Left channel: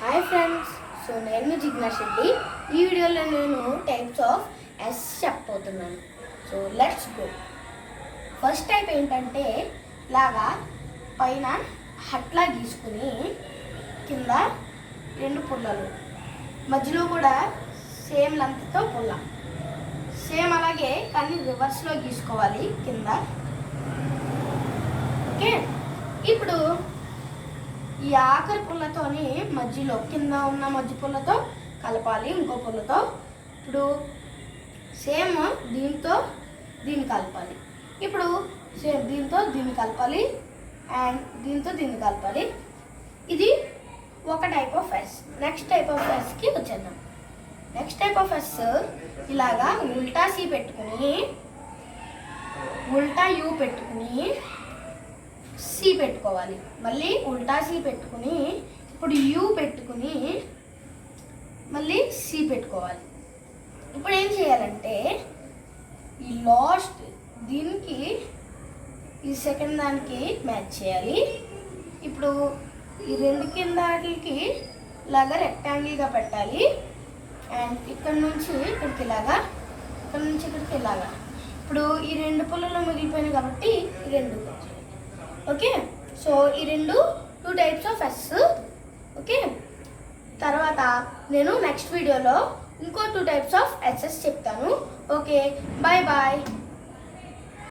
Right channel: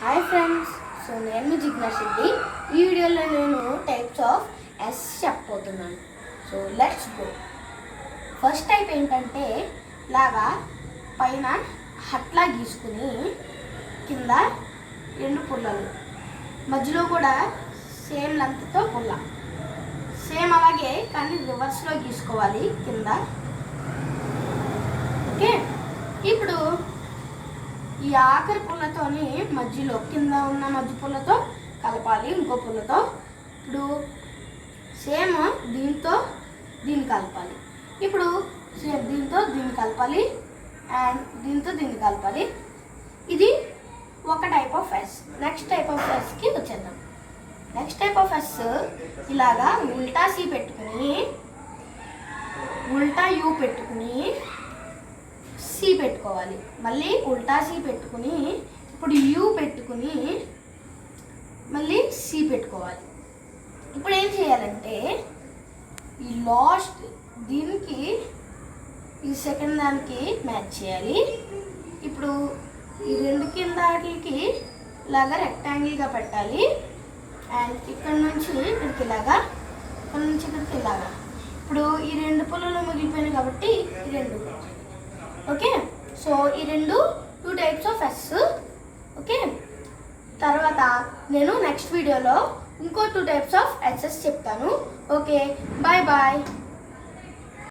Hi friends, so నేను జిజ్ఞాస్ రెడ్డి. ఈ వీడియోలో నేను టైప్స్ ఆఫ్ ఎస్ చెప్పబోతున్నాను. So let's go. First type ఏంటంటే ఇలాగా పైన హట్లా గీసుకుని కింద రెండు పుల్లలు, మధ్యలో కూడా సేమ్ లెంత్తో పుల్ల, సేమ్ అలాగే కానీ రివర్స్లో గీసుకోవాలి కింద. ఓకే, ఇప్పుడు ఈ ఆఖరి పుల్లతోని మధ్యలో కింద ఉన్న మధ్య పుల్లతో కలపాలి ఇంకో పుల్లతో. ఇప్పుడు సేమ్ దీంతో దీన్ని కలపాలి. ఇప్పుడు సేమ్ దీంతో దీన్ని కలపాలి అండ్ దీంతో దీన్ని కలపాలి. ఇది ఒక type of S. Next type of ఎస్కి వచ్చేద్దాం. నెక్స్ట్ టైప్ ఆఫ్ ఎస్ ఇలాగా ఉల్టా సి పెట్టుకుని ఉల్టా యూ పెట్టుకుని సి పెట్టుకోవాలి. మళ్ళీ ఉల్టా సి పెట్టుకుని ఇప్పుడు యూ పెట్టుకుని మళ్ళీ సి పెట్టుకోవాలి. ఇప్పుడు ఏం చేయాలంటే ఈ లాస్ట్ దీనికి ఈ సెకండ్ దానికి మ్యాచ్ చేయాలి. ఇప్పుడు ఈ రెండు కింద వాటికి ఇలాగా రెక్టాంగిల్గా పెట్టాలి అండ్ ఇక్కడ నుంచి ఇక్కడికి ఇలాగా, ఇక్కడ నుంచి ఇక్కడికి ఇలాగా. ఇప్పుడు ఈ రెండు పుల్లలు మిగిలిపోయినాయి కాబట్టి ఈ రెండు. ఓకే, సో ఈ two types of S. Okay, తర్వాత నేను నెక్స్ట్ వీడియోలో ఇంకో 2 టైప్స్ ఆఫ్ ఎస్ఎస్ చెప్తాను. Okay, bye bye.